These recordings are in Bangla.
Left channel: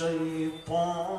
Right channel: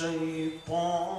الشيطان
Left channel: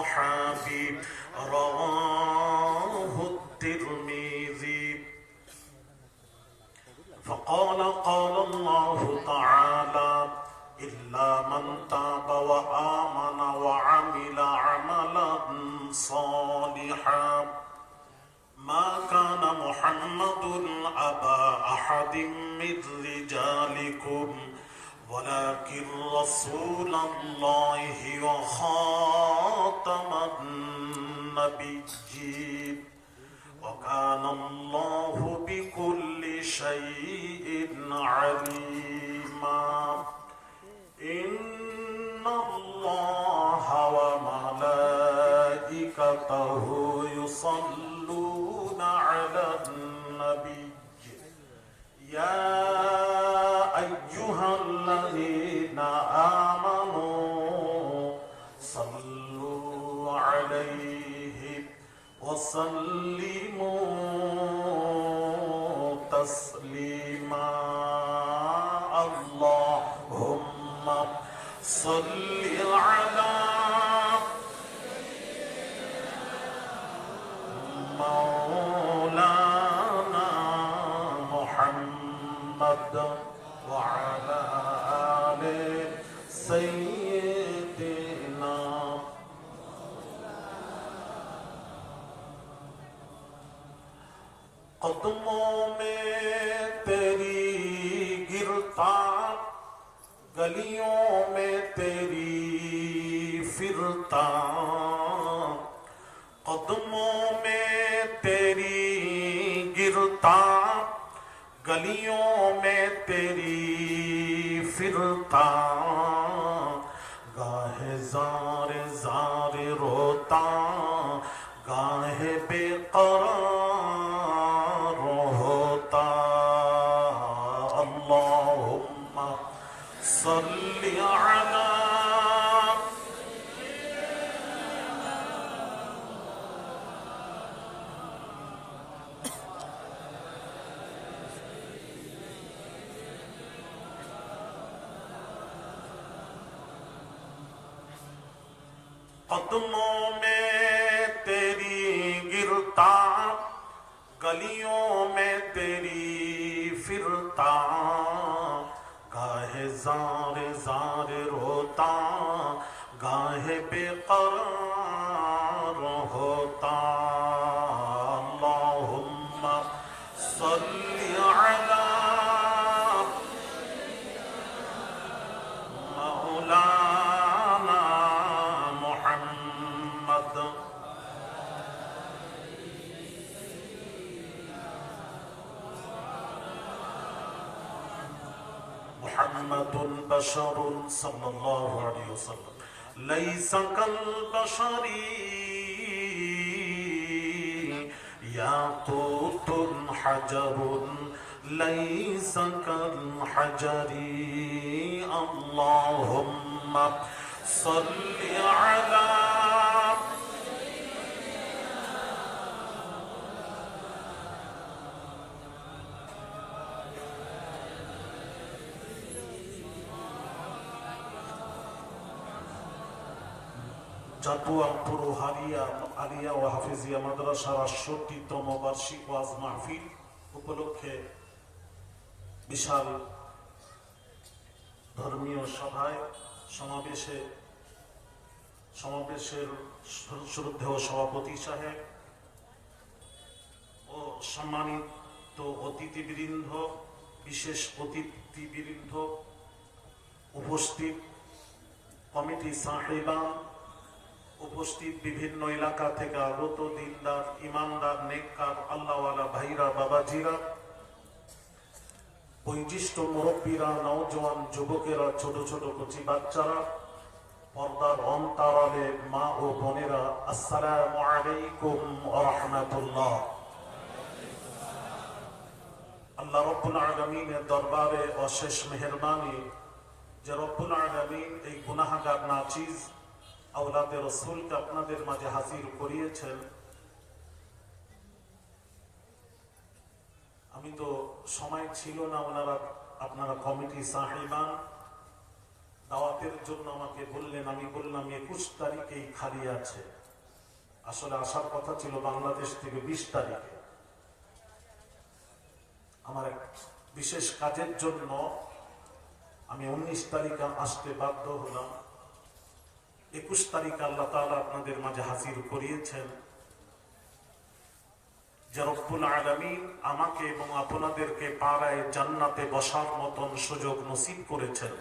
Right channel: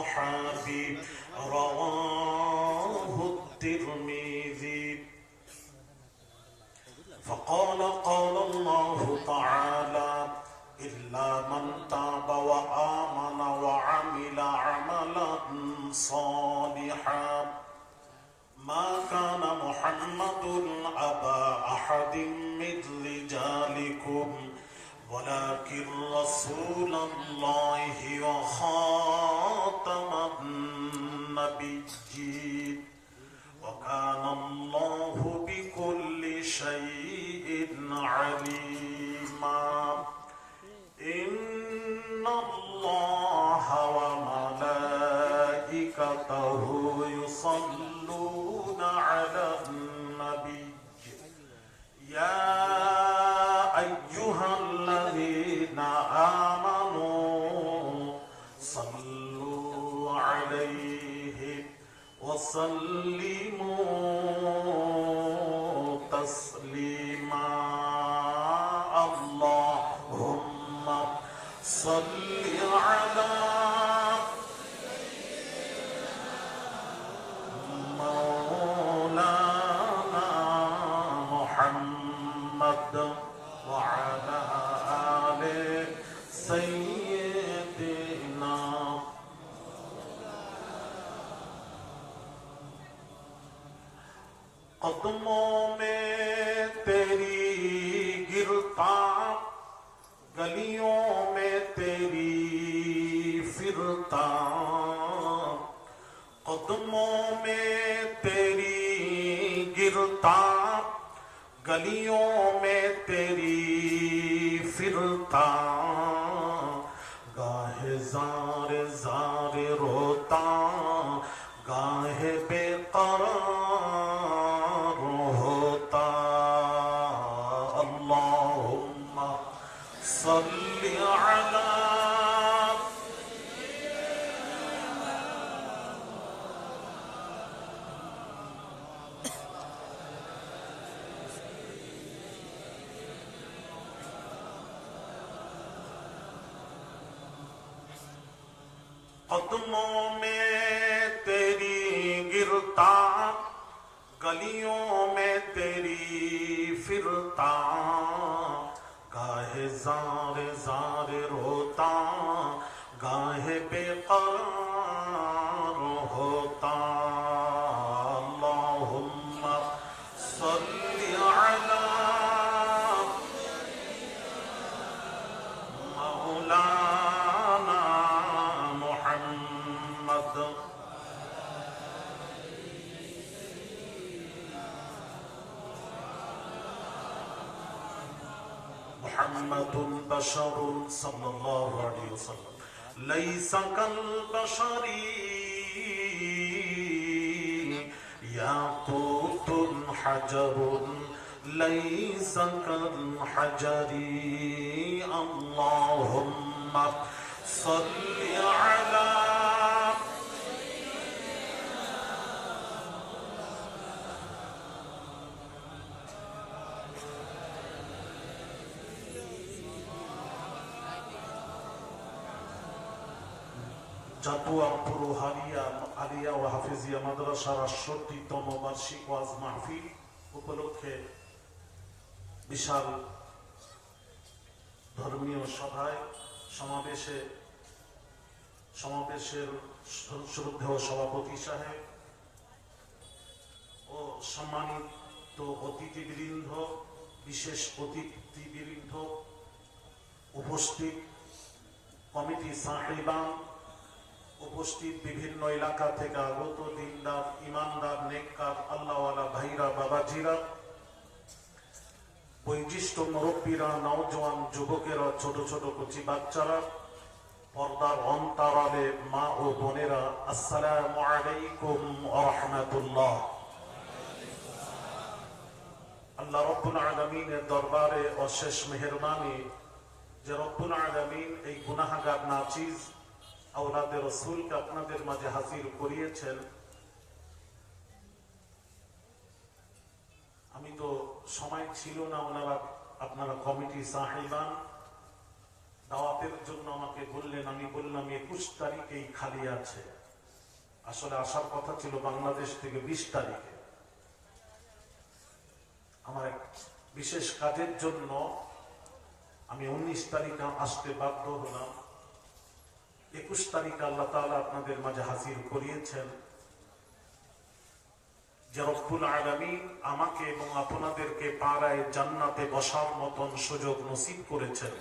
وأصحابي رواه الترمذي فقال قال الله تعالى إلا من تاب وآمن وعمل عملا صالحا ما كان محمد أبا أحد من رجالكم ولكن رسول الله وخاتم قدموں میں تیری گرتا گلیوں कदमों में तेरी गिरता गलियों में तेरी फिरता गाहे মুহাম্মাদুল বাশারুন সাল্লাল্লাহু আলাইহি ওয়াসাল্লাম। লাইসা কাল বাশারি ইয়াকুতুন হাজারুন, লাইসা কাল হাজারি, আল্লাহুম্মা সাল্লি উপলক্ষে বিশাল ধর্মীয় সভায় সভাপতি সাহেব ও সম্মানিত অতিথিবৃন্দ বিশেষ অতিথিবৃন্দ উপস্থিত। কমিটি সাহেবান উপস্থিত বিভিন্ন এলাকা থেকে আগত দিনদার, ইমানদার, নেককার, আল্লাহওয়ালা ভাইরা, বাবাজিরা, বৈশিষ্ট্য মুরব্বীরা, নওজোয়ান যুবকেরা, ছোট ছোট কচি বাচ্চারা, পর্দার অন্তরালে মা ও বোনেরা, আসসালামু আলাইকুম ওয়া আল্লাহ রব্বুল আলামিনের দরবারে অশেষ মেহেরবানি। যে রব্বুল আলামিন এই গুনাহগার নাচিজ আওলাদে রসুলকে আপনাদের মাঝে হাজির করিয়েছেন। আমি তো সময় ছিল না ওনারা আপনারা কমিটি সাহেবান দাওয়াতের জন্য আমাকে বললেন, আমি বললাম, একুশ তারিখেই খালি আছে। আসলে আসার কথা ছিল বাংলাদেশ থেকে বিশ তারিখে। আমার এক বিশেষ কাজের জন্য আমি উনিশ তারিখে আসতে বাধ্য হলাম। একুশ তারিখে আল্লাহ তাআলা আপনাদের মাঝে হাজির করিয়েছেন যে রব্বুল আলামিন আমাকে এবং আপনাদেরকে পাড়ায় জান্নাতে বসার মতন সুযোগ নসিব করেছেন।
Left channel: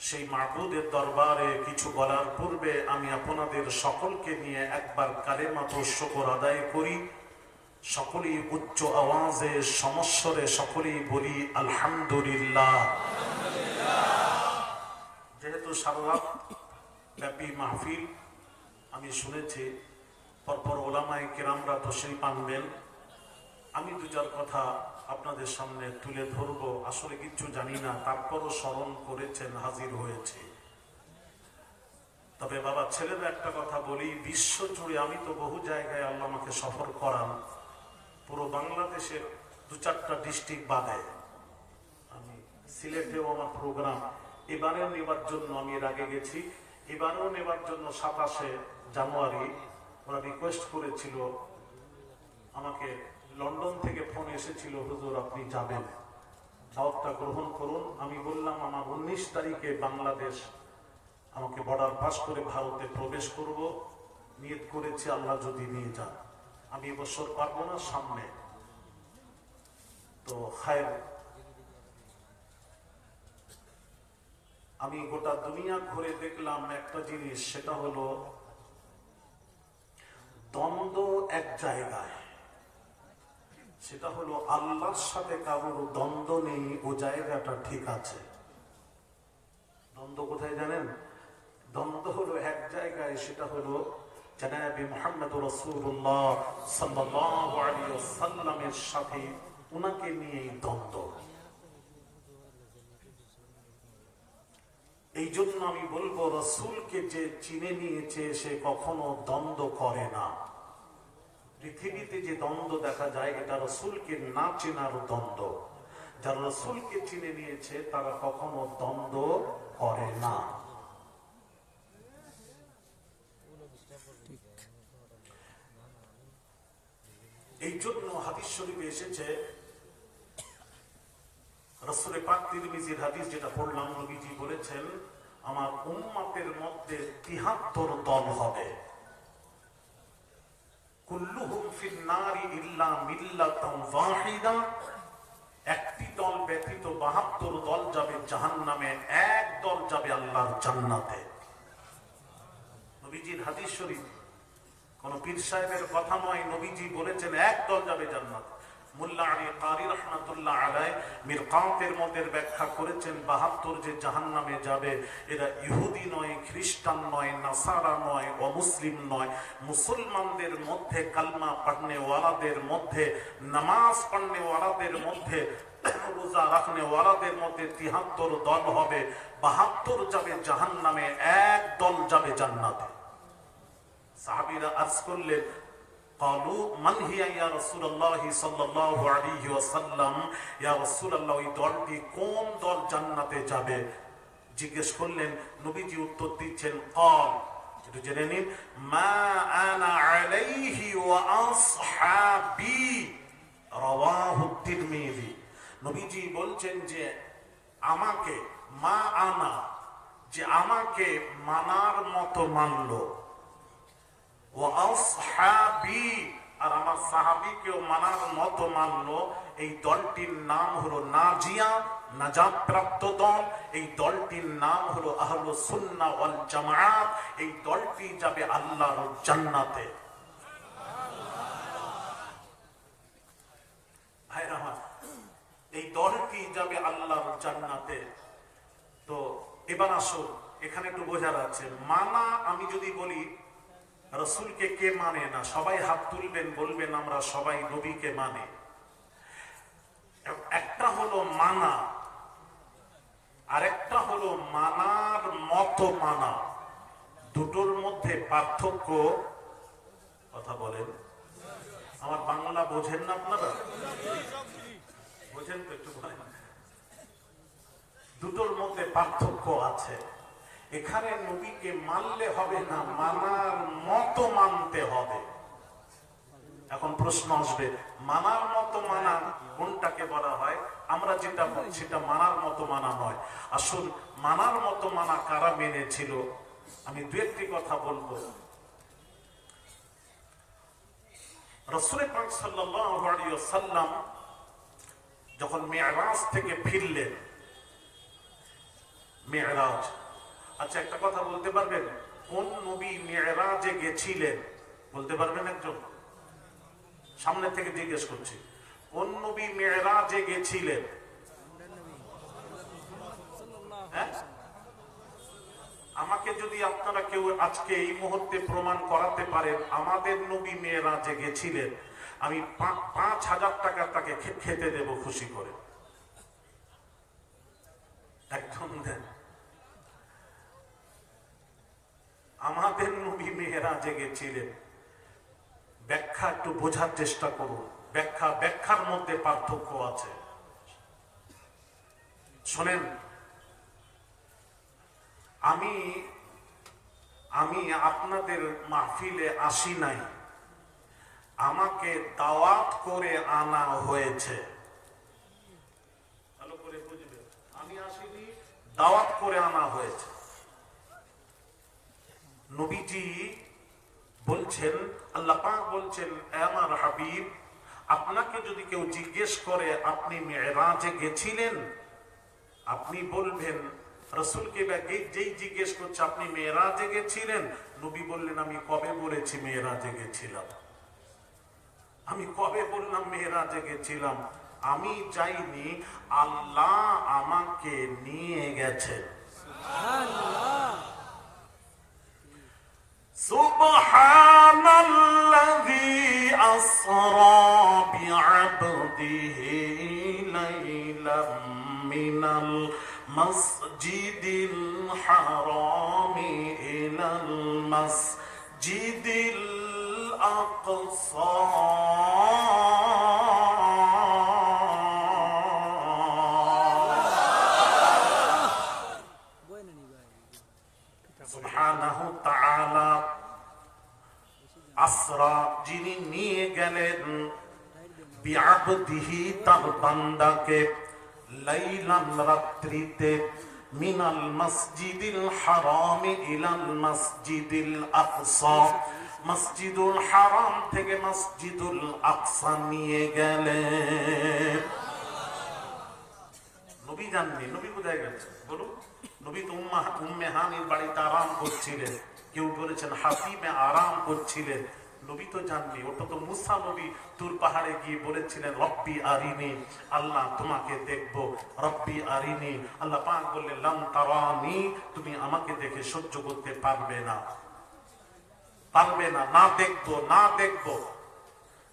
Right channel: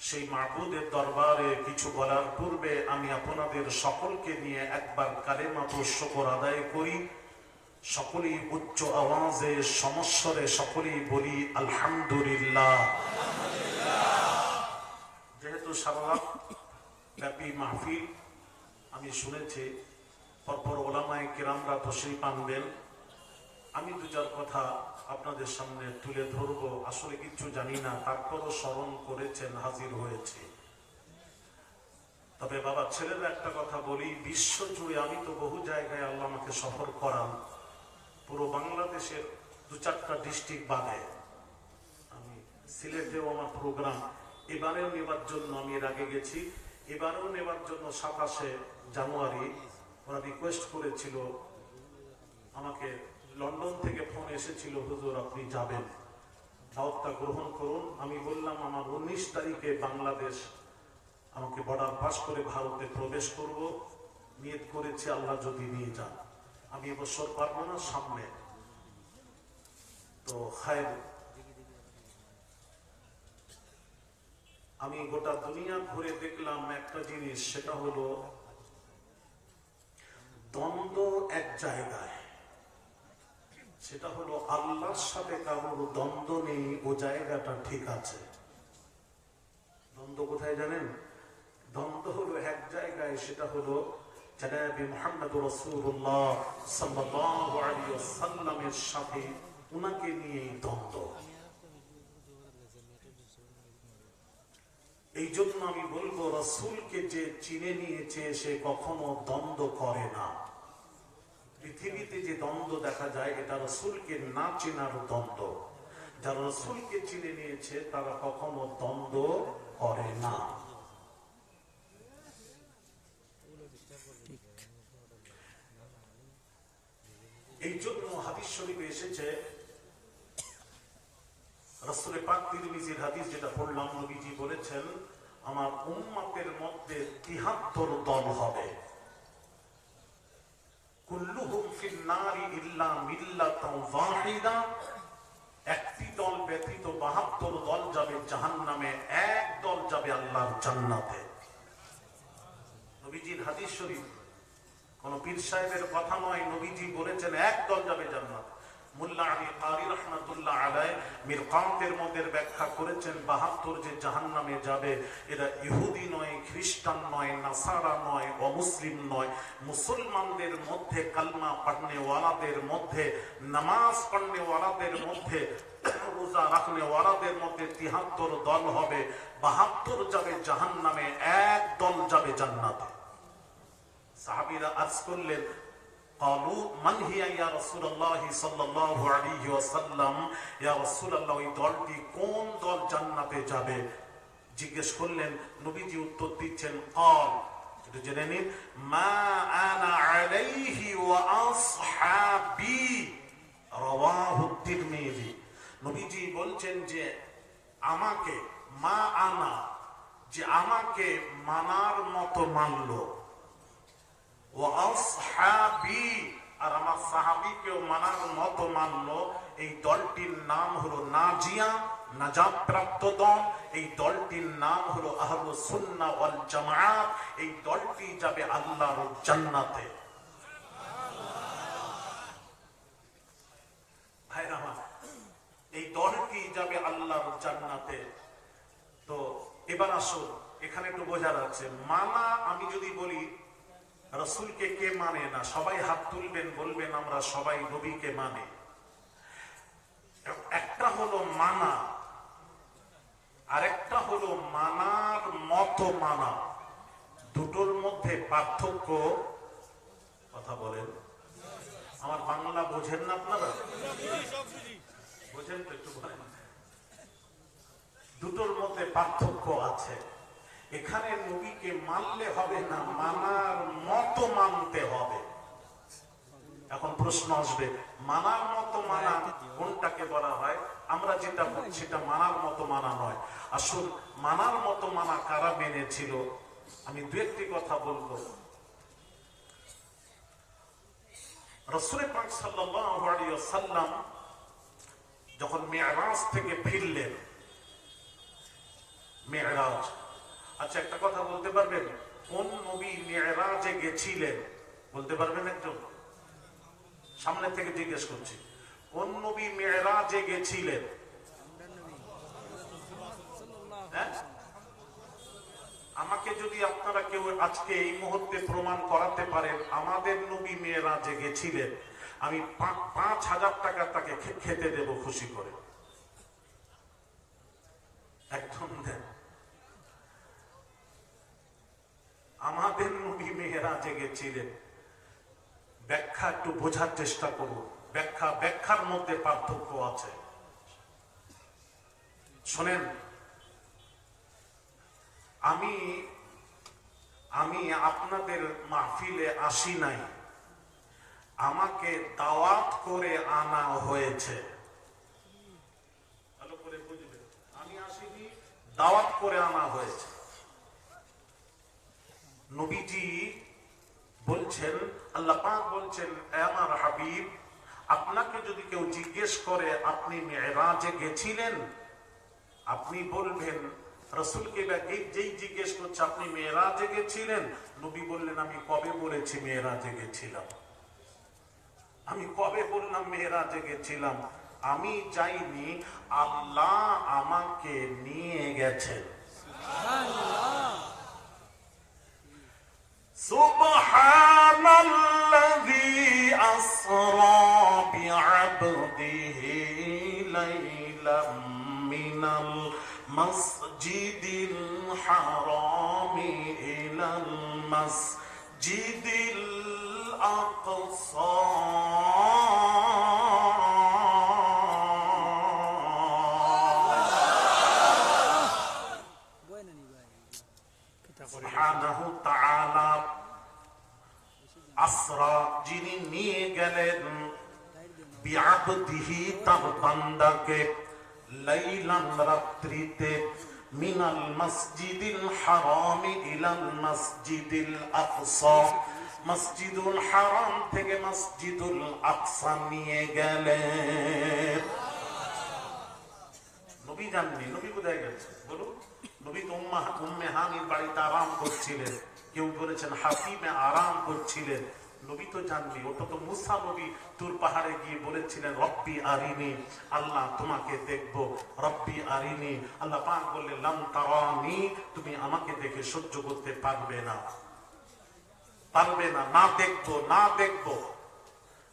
সেই মাহবুদের দরবারে কিছু বলার পূর্বে আমি আপনাদের সকলকে নিয়ে একবার কালেমাত শকর আদায় করি। সকলেই উচ্চ আওয়াজে, সমস্বরে সকলেই বলি, আলহামদুলিল্লাহ। যেহেতু সারা ব্যাপী মাহফিল, আমি শুনেছি পরপর ওলামায় কিরামরা তো সেই পানবেন আমি দু চার কথা আপনাদের সামনে তুলে ধরবো, আসলে কিছু জানি না, তারপরও স্মরণ করেছেন, হাজির হয়েছে। তবে বাবা, ছেলেদের একটা কথা বলি, বিশ্ব জুড়ে আমি তো বহু জায়গায় আল্লাহ আমাকে সফর করান, পুরো বাংলাদেশের দু চারটা ডিস্ট্রিক্ট বাদে। আমি সিলেটেও আমার প্রোগ্রাম, এবারেও নেবার জন্য আমি এর আগে গেছি। এবারেও নেবার জন্য সাতাশে জানুয়ারি ওরা রিকোয়েস্ট করেছিল, আমাকে লন্ডন থেকে ফোন এসেছিল, হুজুর, আপনি যাবেন। দাওয়াতটা গ্রহণ করুন। আমি বললাম, আমার উনিশ তারিখে বাংলাদেশ আমাকে বর্ডার পাস করে ভারতে প্রবেশ করব। নিয়ত করেছে, আল্লাহ যদি নিয়ে যান। আমি এবছর পারব না, সামনে। তো, খায়ের আমি গোটা দুনিয়া ঘুরে দেখলাম একটা জিনিস, সেটা হলো দ্বন্দ্ব এক জায়গায়। সেটা হলো আল্লাহর সাথে কারোর দ্বন্দ্ব নেই, ও জায়গাটা ঠিক আছে। দ্বন্দ্ব কোথায় জানেন? দ্বন্দ্ব হলো এক জায়গায়, সেটা হলো আলাইহি সাথে উনাকে নিয়েই দ্বন্দ্ব। এই জন্য আমি বলব, রসুলকে যে চিনে নিয়েছে, সে কখনো দ্বন্দ্ব করে না। পৃথিবীতে যে দ্বন্দ্ব দেখা যায়, এটা রসুলকে না চেনার দ্বন্দ্ব। যারা রসুলকে চিনে নিয়েছে, তারা কখনো দ্বন্দ্ব করে না। এই জন্য হাদিস শরীফে এসেছে হাদিস যেটা পড়লাম, নবীজি বলেছেন, আমার উম্মতের মধ্যে তিহাত্তর দল হবে। একটি দল ব্যতীত বাহাত্তর দল যাবে জাহান্নামে, এক দল যাবে আল্লাহর জান্নাতে। নবীজির হাদিস শরীফ, কোন পীর সাহেবের কথা নয়, নবীজি বলেছেন, এক দল যাবে জান্নাত। মুসলমানদের মধ্যে কালমা পড়নেওয়ালাদের মধ্যে, নামাজ পড়নেওয়ালাদের মধ্যে, রোজা রাখনেওয়ালাদের মধ্যে তিহাত্তর দল হবে। বাহাত্তর যাবে জাহান নামে এক দল যাবে জান্নাতে। সাহাবিরা আজ করলেন قالوا من هي يا رسول الله صلى الله عليه وسلم يا رسول الله ওই দলটি কোন দল জান্নাতে যাবে জিজ্ঞেস করলেন নবীজি উত্তর দিচ্ছেন قال একটু জেনে নিন মা আনা আলাইহি ওয়া আসহাবি রাওয়াহু তিরমিজি নবীজি বলছেন যে আমাকে মা আনা যে আমাকে মানার মতো মানলো ও আসহাবি আর আমার সাহাবিকেও মানার মতো মানলো এই দলটির নাম হলো নাজিয়া নাজাত প্রাপ্ত দল। এই দলটির নাম হলো আহলু সুন্না ওয়াল জামাআত এই দলটি যাবে আল্লাহর জান্নাতে। এই দলটি যাবে আল্লাহর জান্নাতে। তো এবার আসুন, এখানে একটু বোঝা যাচ্ছে মানা আমি যদি বলি রসুলকে কে মানে না? সবাই হাত তুলবেন, বলবেন, আমরা সবাই নবীকে মানে। একটা হলো মানা, আরেকটা হলো মানার মতো মানা। দুটোর মধ্যে পার্থক্য কথা বলেন। আমার বাংলা বোঝেন না আপনারা? বোঝেন তো একটু দুটোর মধ্যে পার্থক্য আছে। এখানে নবীকে মানলে হবে না, মানার মতো মানতে হবে। এখন প্রশ্ন আসবে, মানার মতো মানা কোনটাকে বলা হয়? আমরা যেটা সেটা মানার মতো মানা নয়। আসুন, মানার মতো মানা কারা মেনেছিল? আমি দু একটি কথা বলব। সাল্লাল্লাহু যখন মেয়রাজ থেকে ফিরলেন মেয়রাজ আচ্ছা একটা কথা বলতে পারবেন? কোন নবী মেয়রাজে গেছিলেন? বলতে পারবেন একজন? সামনে থেকে জিজ্ঞেস করছি। কোন নবী মেয়রাজে গেছিলেন? হ্যাঁ? আমাকে যদি আপনারা কেউ আজকে এই মুহূর্তে প্রমাণ করাতে পারেন, আমাদের নবী মেয়েরাজে গেছিলেন, আমি পাঁচ হাজার টাকা তাকে খেতে দেব খুশি করে। একদম দেন আমাদের নবী মেয়েরাজে গেছিলেন ব্যাখ্যা একটু বোঝার চেষ্টা করুন। ব্যাখ্যা, ব্যাখ্যার মধ্যে পার্থক্য আছে। শোনেন, আমি আমি আপনাদের মাহফিলে আসি নাই। আমাকে দাওয়াত করে আনা হয়েছে। আমি আসিনি, দাওয়াত করে আনা হয়েছে। নবীজি বলছেন, আল্লাহ পাক বলছেন আমার হাবিব, আপনাকে যদি কেউ জিজ্ঞেস করে, আপনি মেয়েরাজে গেছিলেন? আপনি বলবেন, রসুলকে যেই জিজ্ঞেস করছে, আপনি মেয়েরাজে গেছিলেন? নবী বললেন, আমি কবে বলেছি মেয়েরাজে গেছিলাম? আমি কবে বললাম মেয়েরাজে গেছিলাম? আমি চাইনি আল্লাহ আমাকে নিয়ে গেছেন। বিআবদিহি তার বান্দাকে লাইলান রাত্রিতে মিনাল মসজিদিল ইলাল মসজিদিল আকসা মসজিদুল হারাম থেকে মসজিদুল আকসা নিয়ে গেলেন নবী জাননি? নবী গেছে? নবী তো বাড়িতে আরাম করছিলেন। কেউ বলেছেন হাতিমে আরাম করছিলেন। নবী তো জাননি ওটা তো মুসা নবী তুর পাহাড়ে গিয়ে বলেছিলেন রব্বি আরিনি আল্লাহ তোমাকে দেখবো রব্বি আরিনি আল্লাহ পাক বললেন লাম তারানি তুমি আমাকে দেখে সহ্য করতে পারবে না পারবে না না দেখবো না দেখবো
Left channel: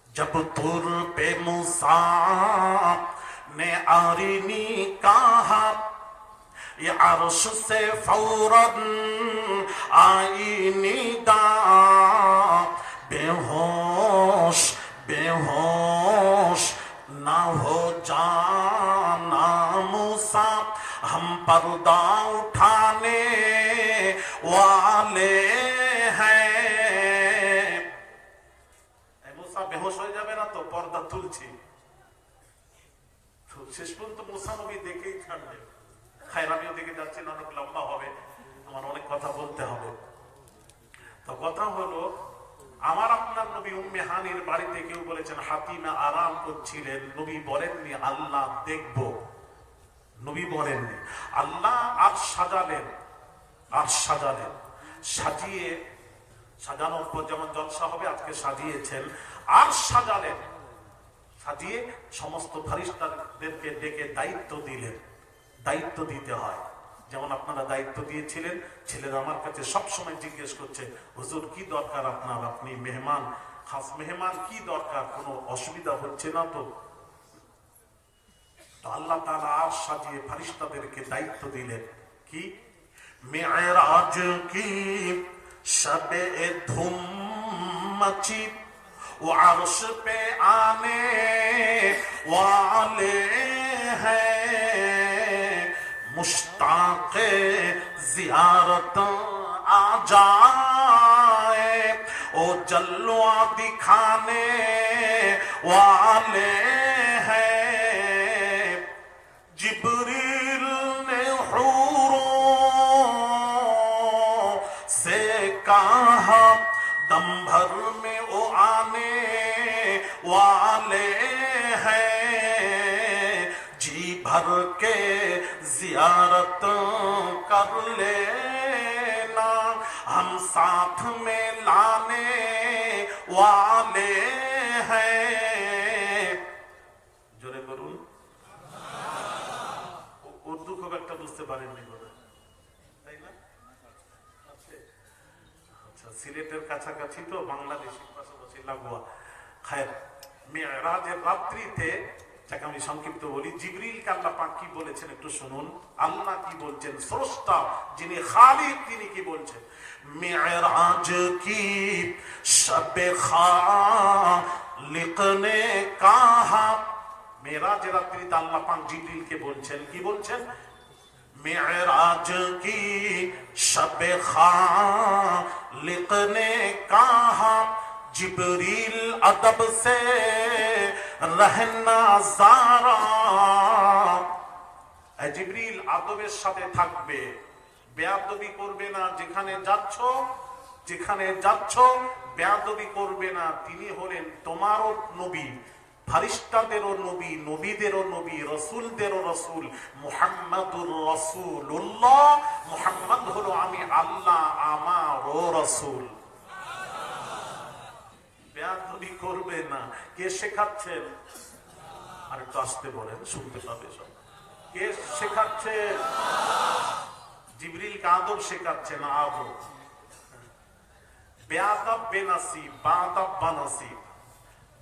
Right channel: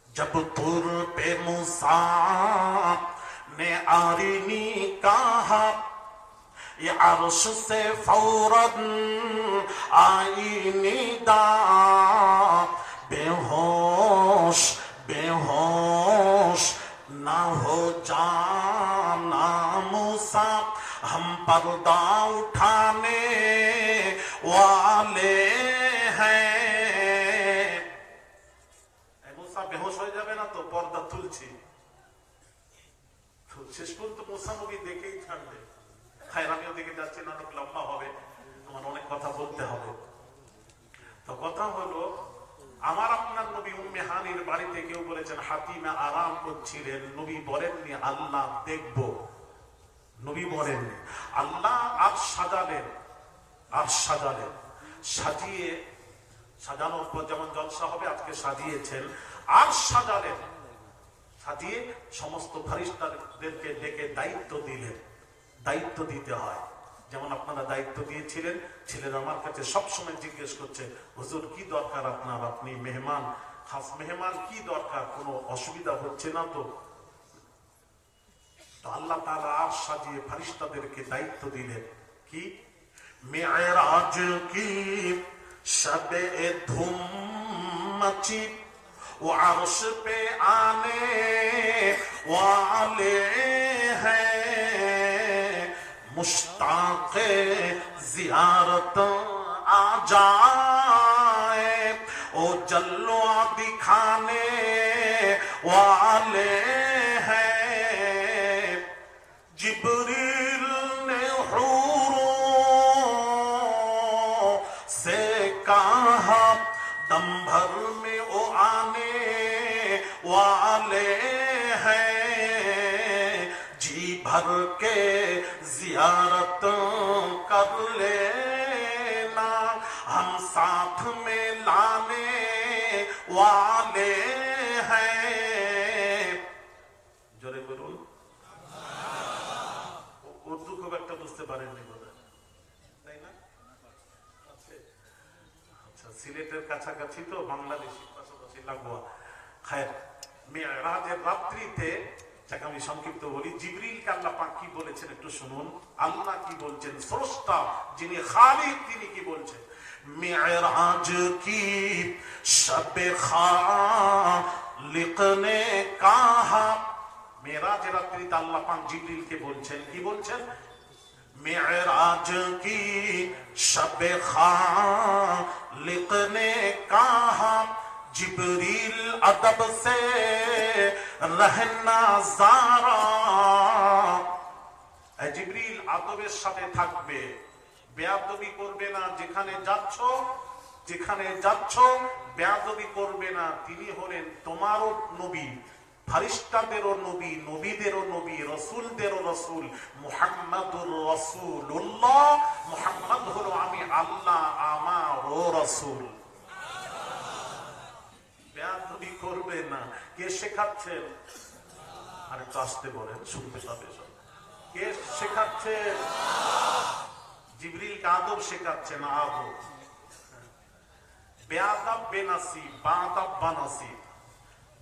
जब तुर पे मूसा ने आरिनी कहा ये अर्श से फौरन आई निदा Oh. বলেছেন, হাতিমা আরাম করছিলেন, নবী বলেননি, আল্লাহ দেখব। নবী বলেননি, আল্লাহ আর সাজালেন আর সাজালেন। সাজিয়ে, সাজানোর পর যেমন জলসা হবে, আজকে সাজিয়েছেন, আর সাজালেন। সাজিয়ে সমস্ত ফারিস্তাদেরকে ডেকে দায়িত্ব দিলেন। দায়িত্ব দিতে হয়। যেমন আপনারা দায়িত্ব দিয়েছিলেন, ছেলেরা আমার কাছে সবসময় জিজ্ঞেস করছে, হুজুর, কি দরকার আপনার? আপনি মেহমান খাস মেহমান কি দরকার? কোন অসুবিধা হচ্ছে না তো? আল্লাহ তারা আর সাজিয়ে ফারিস্তাদেরকে দায়িত্ব দিলেন। কি? মেয়েরাজ কি? সবে ধুম ও আরশ পে আনে ওয়ালে হ্যাঁ জিয়ারত আজান ओ जल्वा दिखाने वाले हैं जिब्रील কাছাকাছি তো বাংলাদেশি পাশাপাশি লাগোয়া। মেয়েরাজের রাত্রিতে, যাকে আমি সংক্ষিপ্ত বলি কি বলেছেন একটু শুনুন। আল্লাহ কি বলছেন? স্রষ্টা যিনি তিনি কি বলছেন? মেয়েরাজ কি খালিক কাহা? মেয়েরাজের রাত্রিতে আল্লাহ পাক জিবরিলকে বলছেন? কি বলছেন? معراج کی شب خالق نے کہا جبریل ادب سے رہنا زارا জিবরিল আদবের সাথে থাকবে বেয়াদবি করবে না যেখানে যাচ্ছ যেখানে যাচ্ছ বেয়াদবি করবে না তিনি হলেন তোমারও নবী ফারিস্তাদেরও নবী, নবীদেরও নবী, রসুলদেরও রসুল, মুহাম্মাদুর রসুল্লাহ মুহাম্মদ হলো আমি আল্লাহ, আমারও রসুল। বেয়াদবি করবে না। কে শেখাচ্ছেন? আর একটু আসতে বলেন, শুনতে পাবে কে শেখাচ্ছেন? জিবরিল আদব শেখাচ্ছেন আদব বেয়াদব বেনাসিব, বাদব বানাসিব।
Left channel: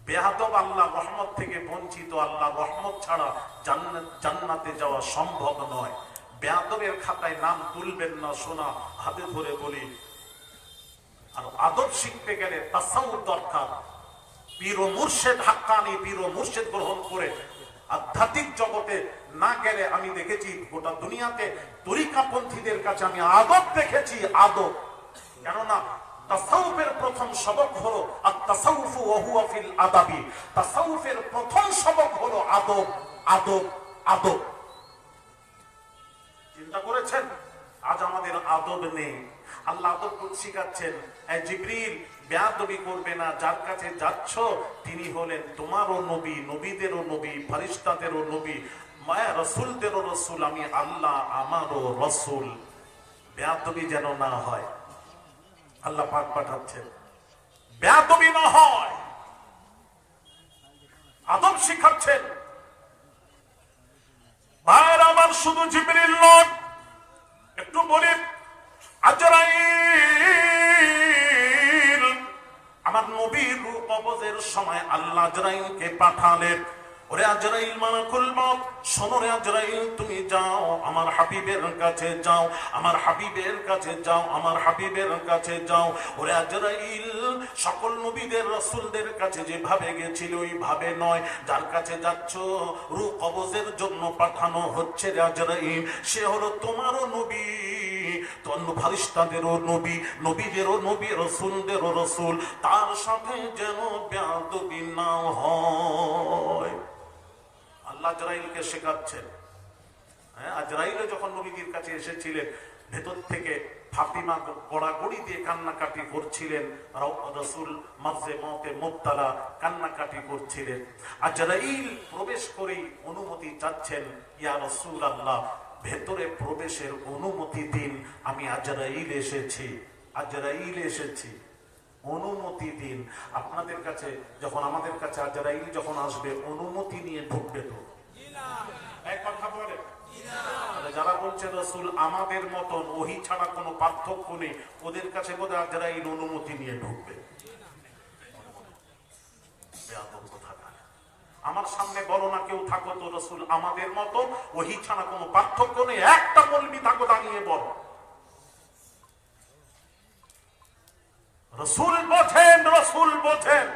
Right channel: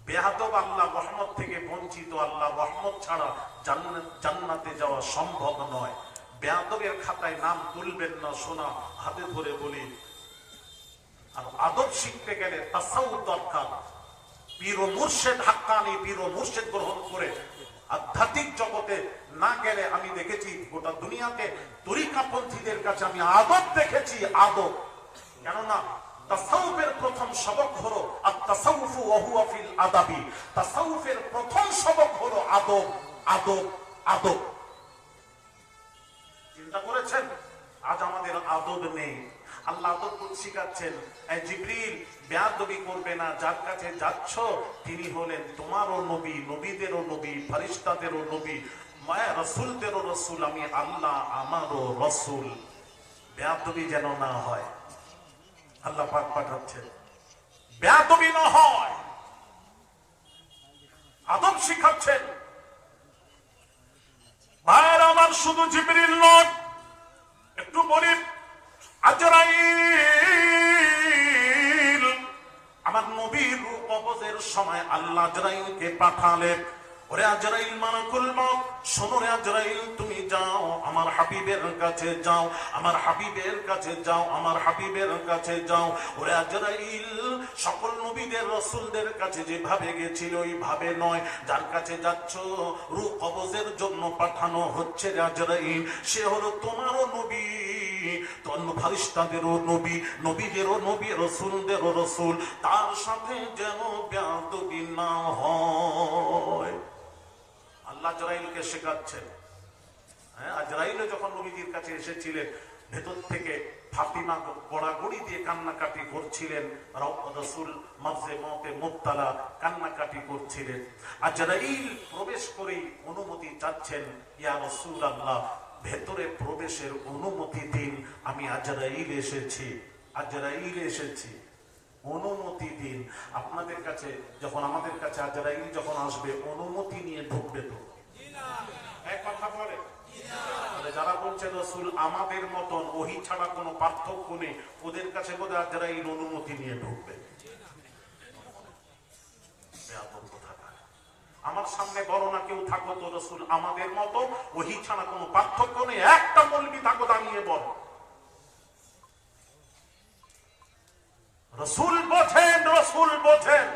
বেহাদব আল্লাহ রহমত থেকে বঞ্চিত আল্লাহ রহমত ছাড়া জান্নাতে যাওয়া সম্ভব নয়। বেহাদবের খাতায় নাম তুলবেন না শোনা হাতে ধরে বলি। আর আদব শিখতে গেলে তাসাউ দরকার। পীর মুর্শেদ হাক্কানি, পীর মুর্শেদ গ্রহণ করে আধ্যাত্মিক জগতে না গেলে আমি দেখেছি গোটা দুনিয়াতে তরিকাপন্থীদের কাছে আমি আদব দেখেছি, আদব। কেননা তাসাউফের প্রথম সবক হলো আদাবি। তাসাউফের প্রথম সবক হলো আদব আদব আদব। চিন্তা করেছেন? আজ আমাদের আদব নেই। আল্লাহ আদব শিখাচ্ছেন। বেয়াদবি করবে না, যার কাছে যাচ্ছ, তিনি হলেন তোমারও নবী, নবীদেরও নবী ফারিস্তাদেরও নবী, মায়া রসুলদেরও রসুল, আমি আল্লাহ আমারও রসুল। বেয়াদবি যেন না হয়। আল্লাহ পাক পাঠাচ্ছেন বেয়াদবি না হয়। আদব শিখাচ্ছেন। ভাইয়ের আমার শুধু জিবরিল নয় একটু বলি আমার নবীর কবজের সময় আল্লাহ আজরাইলকে পাঠালেন। তুমি যাও, আমার হাবিবের কাছে যাও, আমার হাবিবের কাছে যাও, আমার হাবিবের কাছে যাও। ওরে আজরাইল, সকল নবীদের, রসুলদের কাছে যেভাবে গেছিল ওইভাবে নয়। যার কাছে যাচ্ছ রু কবজের জন্য পাঠানো হচ্ছে আজরাইল। সে হলো তোমারও নবী ফারিস্তাদেরও নবী, নবীদেরও নবী, রসুলদেরও রসুল। তার সাথে যেন ব্যাদবি না হয়। আল্লাহ জরাইলকে শেখাচ্ছেন। হ্যাঁ আজরাইলে যখন নবীজির কাছে এসেছিলেন, ভেতর থেকে ফাতিমা গড়াগড়ি দিয়ে কান্নাকাটি করছিলেন রসুল, মাঝে মতে মুক্তালা কান্নাকাটি করছিলেন। আজরাইল প্রবেশ করেই অনুমতি চাচ্ছেন, ইয়া রসুল আল্লাহ ভেতরে প্রবেশের অনুমতি দিন, আমি আজরাইল এসেছি আজরাইল এসেছি। অনুমতি দিন। আপনাদের কাছে, যখন আমাদের কাছে আজরাইল যখন আসবে, অনুমতি নিয়ে ঢুকবে তো। বলে ঢুকবে। আমার সামনে বড় না কেউ থাকো তো রসুল আমাদের মতো ওহি ছাড়া কোনো পার্থক্য নেই, একটা বলবি থাকো দাঁড়িয়ে বলো। রসুল বোঝেন রসুল বোঝেন।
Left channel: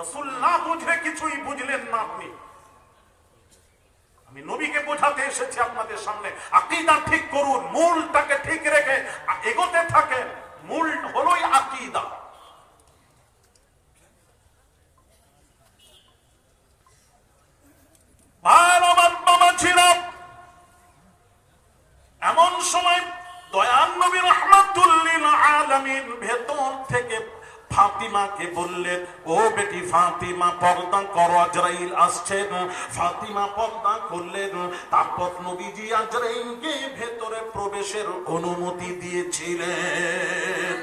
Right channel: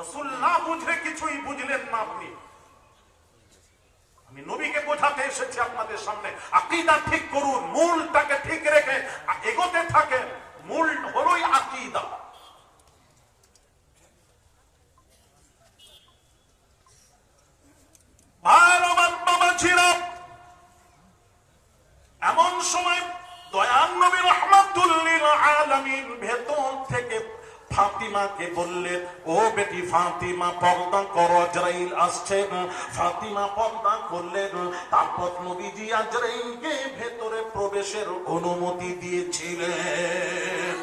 রসুল না বুঝে কিছুই বুঝলেন না আপনি। আমি নবীকে বোঝাতে এসেছি আপনাদের সামনে। আকিদা ঠিক করুন, মূলটাকে ঠিক রেখে এগোতে থাকেন, মূল হলোই আকিদা। এমন সময় দয়ান নবী রহমাতুল্লিল আলামিন ভেতর থেকে ফাতিমাকে বললেন, ও বেটি ফাতিমা, পর্দা করো আজরাইল আসছেন, ফাতিমা পর্দা করলেন, তারপর নবীজি আজরাইলকে ভেতরে প্রবেশের অনুমতি দিয়েছিলেন।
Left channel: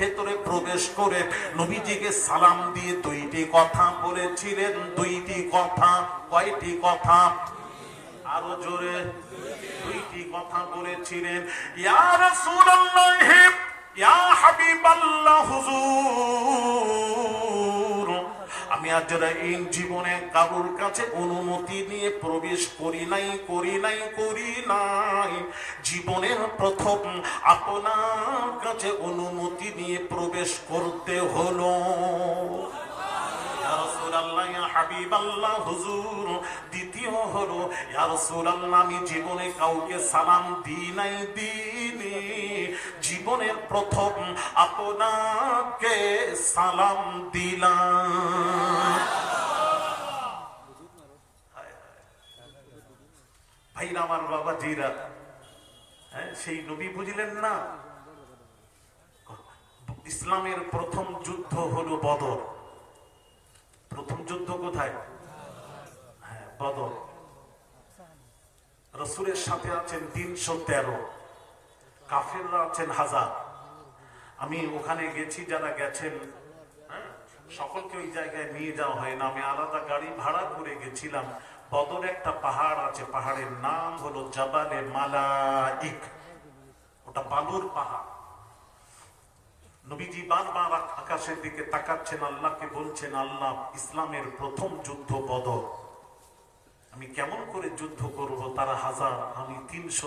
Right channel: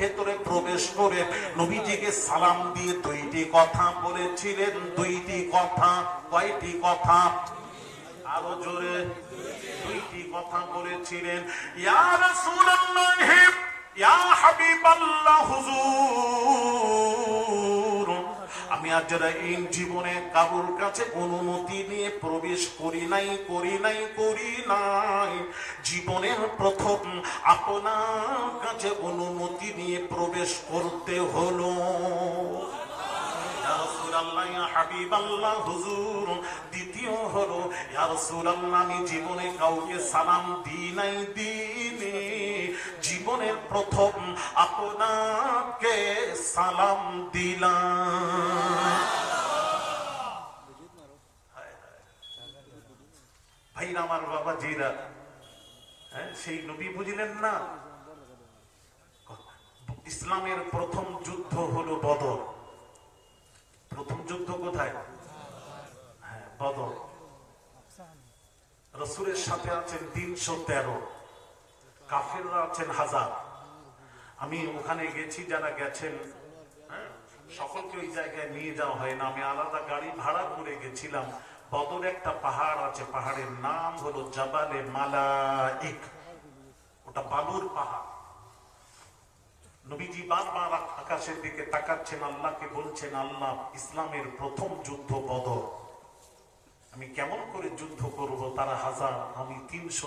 ভেতরে প্রবেশ করে নবীজিকে সালাম দিয়ে দুইটি কথা বলেছিলেন, দুইটি কথা, কয়টি কথা? আরও জোরে। দুইটি কথা বলেছিলেন ইয়া হাবিবাল্লাহ, হুজুর। আমি আর যারা এই জীবনে কারোর কাছে অনুমতি নিয়ে প্রবেশ করি নাই করি নাই করি নাই, জীবনের প্রথম আপনার কাছে অনুমতি নিয়ে প্রবেশ করতে হলো হাবিব আল্লাহ হুজুর। হলো আমি জীবনে কাউকে সালাম নাই প্রথম আপনাকে সালাম দিলাম। আমার বাবা জিরা হ্যাঁ সেই নবী বুঝলেন না? ইসলামের প্রথম যুদ্ধ হলো বদর। প্রথম যুদ্ধ কোথায়? বদর রসুলের সাথে আছেন তিনশো তেরো কাফেররা আছেন হাজার। আমি ওখানে গেছি যারা গেছেন হ্যাঁ, সকলকে ওই জায়গায় নিয়ে যাওয়া হয় না। আমি আলাদা গাড়ি ভাড়া করে গেছিলাম। বদর একটা পাহাড় আছে পাহাড়ের নাম হলো জাবালে মালাইক। ওটা বালুর পাহাড়। নবীজি বারবার আকাশের দিকে তাকাচ্ছেন আল্লাহকে বলছেন আল্লাহ ইসলামের প্রথম যুদ্ধ বদর। আমি কেমন করে যুদ্ধ করব? তারা হাজার আমি তিনশো